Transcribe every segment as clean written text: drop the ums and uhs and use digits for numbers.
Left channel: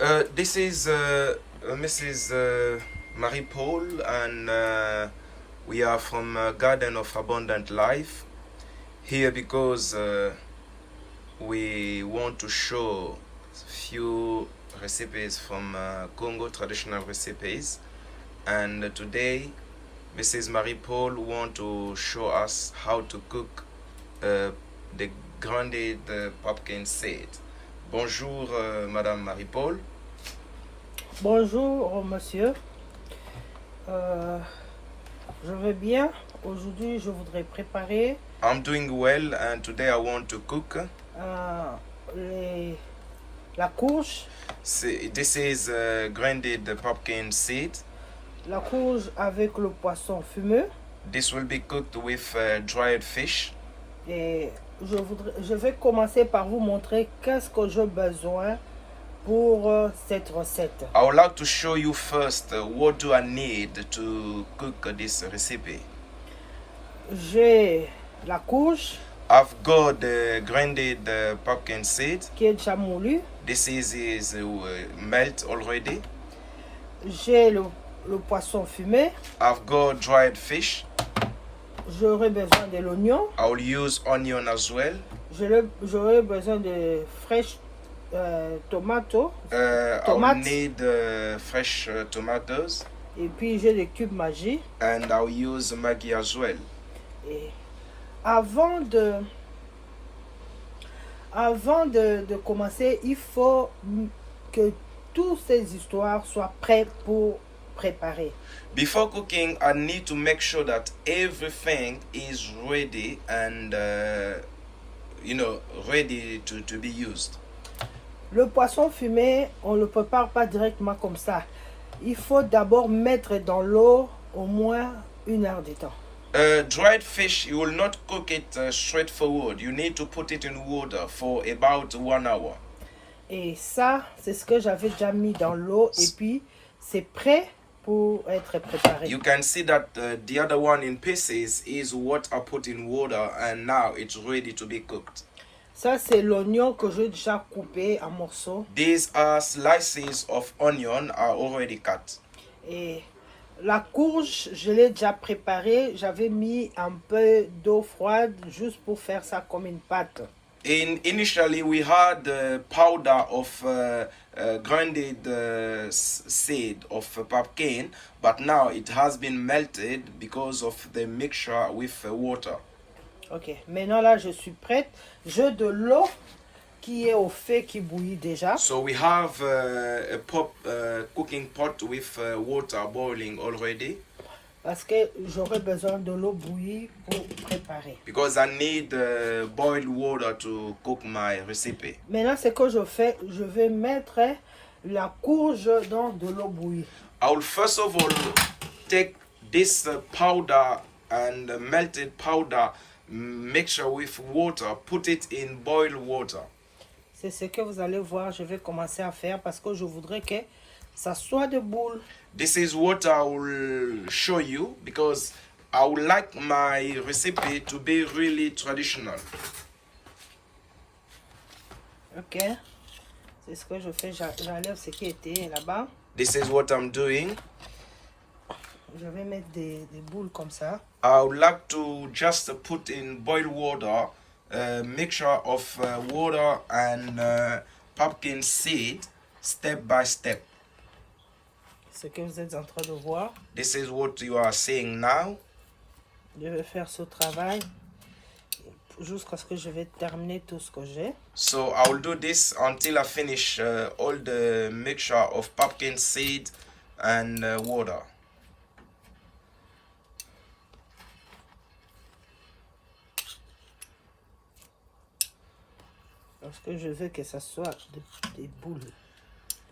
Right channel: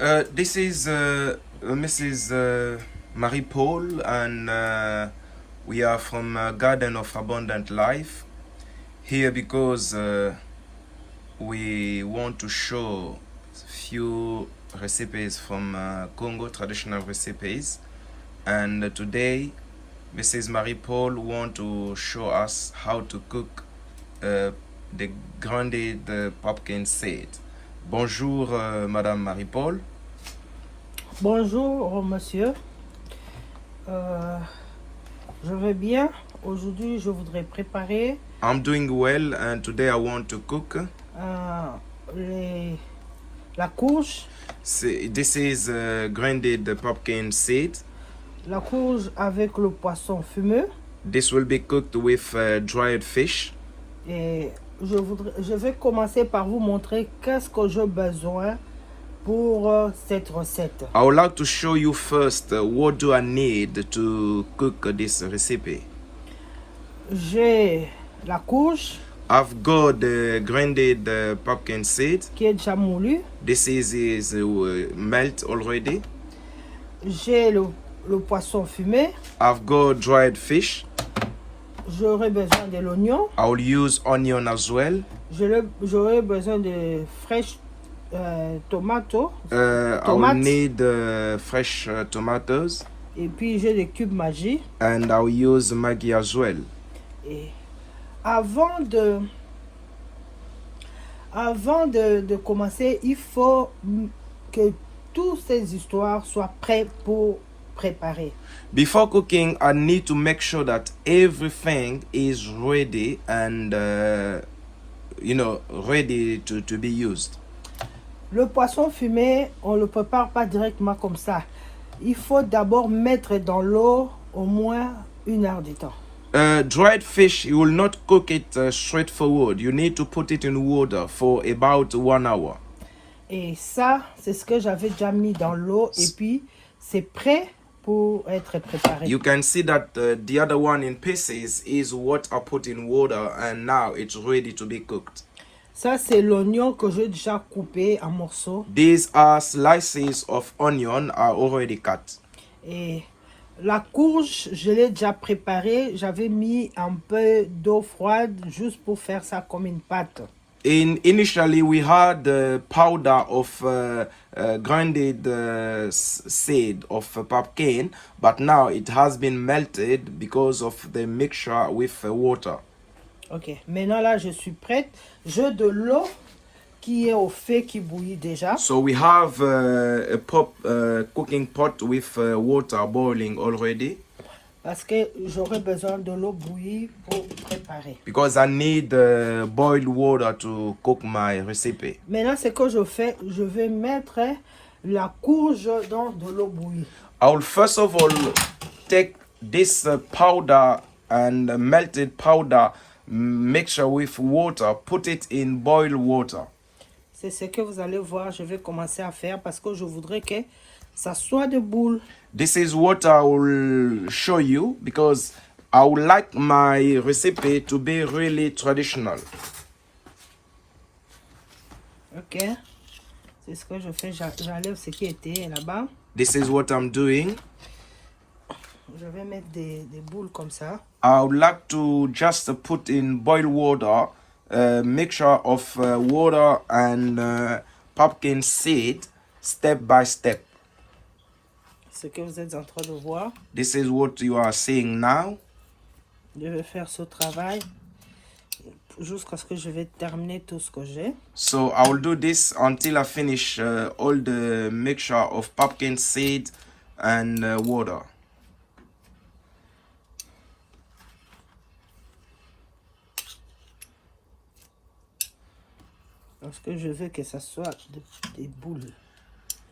This is Mrs. Marie Paul, and we are from Garden of Abundant Life here because we want to show few recipes from Congo, traditional recipes, and today Mrs. Marie Paul want to show us how to cook the grounded pumpkin seed. Bonjour, Madame Marie Paul. Bonjour monsieur, Euh, je vais bien. Aujourd'hui je voudrais préparer I'm doing well, and today I want to cook. la courge, This is grounded pumpkin seed. la courge avec le poisson fumeux. This will be cooked with dried fish. Et je vais commencer par vous montrer qu'est-ce que j'ai besoin pour cette recette. I would like to show you first what do I need to cook this recipe. J'ai la courge I've got the grounded pumpkin seed. qui est déjà moulue. This is melt already. J'ai le poisson fumé. I've got dried fish. J'aurai besoin de l'oignon. I will use onion as well. J'aurai besoin de fraîches tomates. I will need fresh tomatoes. Et puis j'ai des cubes Maggi. And I'll use Maggi as well. Et avant de commencer, il faut que toutes ces histoires soient prêtes pour préparer. Before cooking, I need to make sure that everything is ready and ready to be used. Le poisson fumé, on ne le prépare pas directement comme ça. Il faut d'abord mettre dans l'eau au moins 1 heure de temps. Dried fish, you will not cook it straightforward. You need to put it in water for about 1 hour. Et ça, c'est ce que j'avais déjà mis dans l'eau et puis c'est prêt pour être préparé. You can see that the other one in pieces is what I put in water, and now it's ready to be cooked. Ça, c'est l'oignon que j'ai déjà coupé en morceaux. These are slices of onion are already cut. Et la courge, je l'ai déjà préparée. J'avais mis un peu d'eau froide juste pour faire ça comme une pâte. Initially, we had the powder of grounded seed of pumpkin, but now it has been melted because of the mixture with water. Ok, maintenant là, je suis prête. J'ai de l'eau qui est au fait, qui bouillit déjà. So we have a cooking pot with water boiling already. Parce que j'aurai besoin de l'eau bouillie pour préparer. Because I need boiled water to cook my recipe. Maintenant, ce que je fais, je vais mettre la courge dans de l'eau bouillie. I will first of all take this powder and melted powder mixture with water, put it in boiled water. C'est ce que vous allez voir, je vais commencer à faire parce que je voudrais que ça soit des boules. This is what I will show you because I would like my recipe to be really traditional. Ok, c'est ce que je fais, j'enlève ce qui était là-bas. This is what I'm doing. Je vais mettre des boules comme ça. I would like to just put in boiled water a mixture of water and pumpkin seed step by step. Ce que vous êtes en train de voir. This is what you are seeing now. Je vais faire ce travail jusqu'à ce que je vais terminer tout ce que j'ai. So I will do this until I finish all the mixture of pumpkin seed and water. Parce que je veux que ça soit des boules.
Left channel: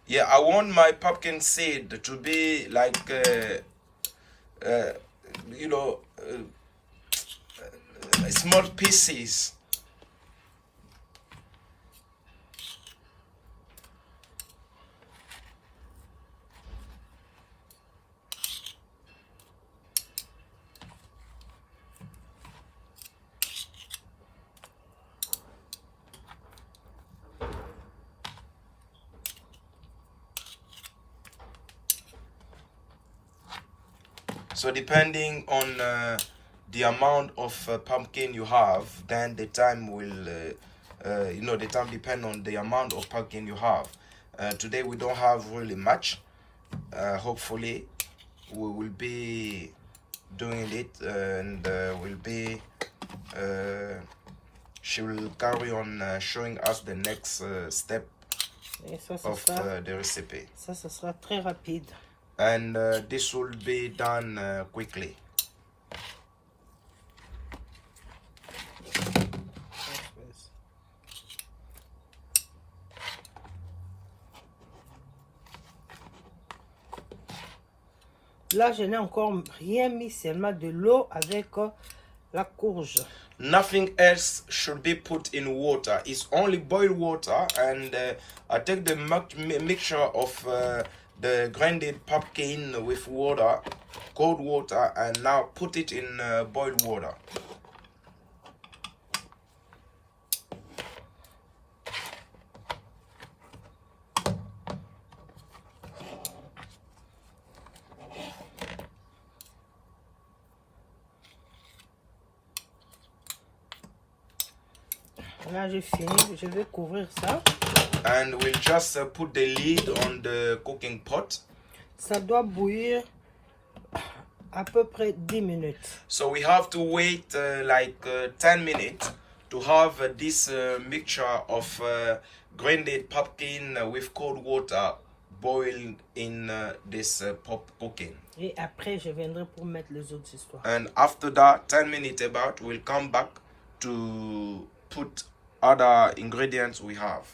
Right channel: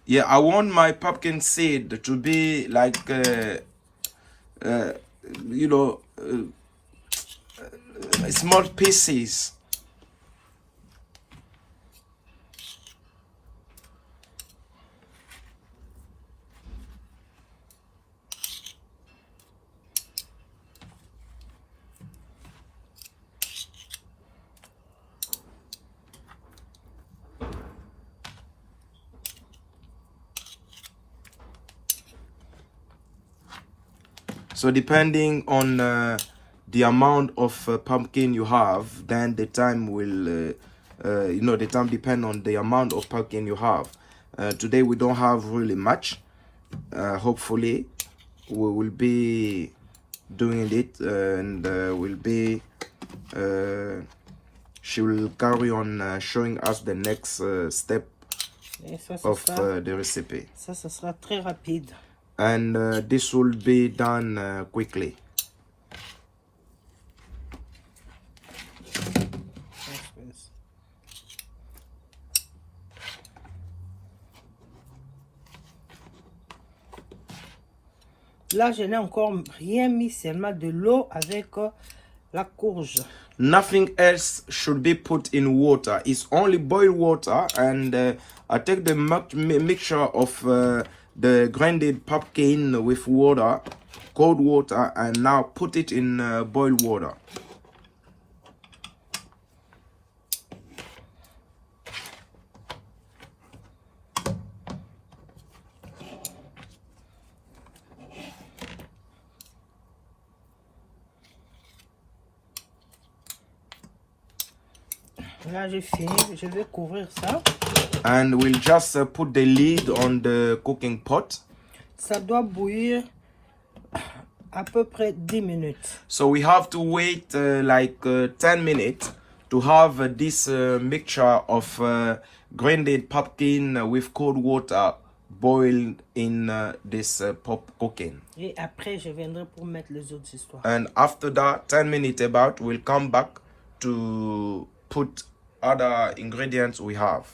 Yeah, I want my pumpkin seed to be like, small pieces. So depending on the amount of pumpkin you have, then the time will, the time depends on the amount of pumpkin you have. Today we don't have really much. Hopefully we will be doing it, and she will carry on showing us the next step of the recipe. Ça sera très rapide. And this will be done quickly. Là, je n'ai encore rien mis, seulement de l'eau avec la courge. Nothing else should be put in water. It's only boiled water, and I take the mixture of the grinded pumpkin with water, cold water, and now put it in boiled water. Là, j'ai fini. Je vais couvrir ça. And we'll just put the lid on the cooking pot. Ça doit bouillir à peu près 10 minutes. So we have to wait 10 minutes to have this mixture of grinded pumpkin with cold water boiled in this pot cooking. Et après, je viendrai pour mettre les autres histoires. And after that, 10 minutes about, we'll come back to put other ingredients we have.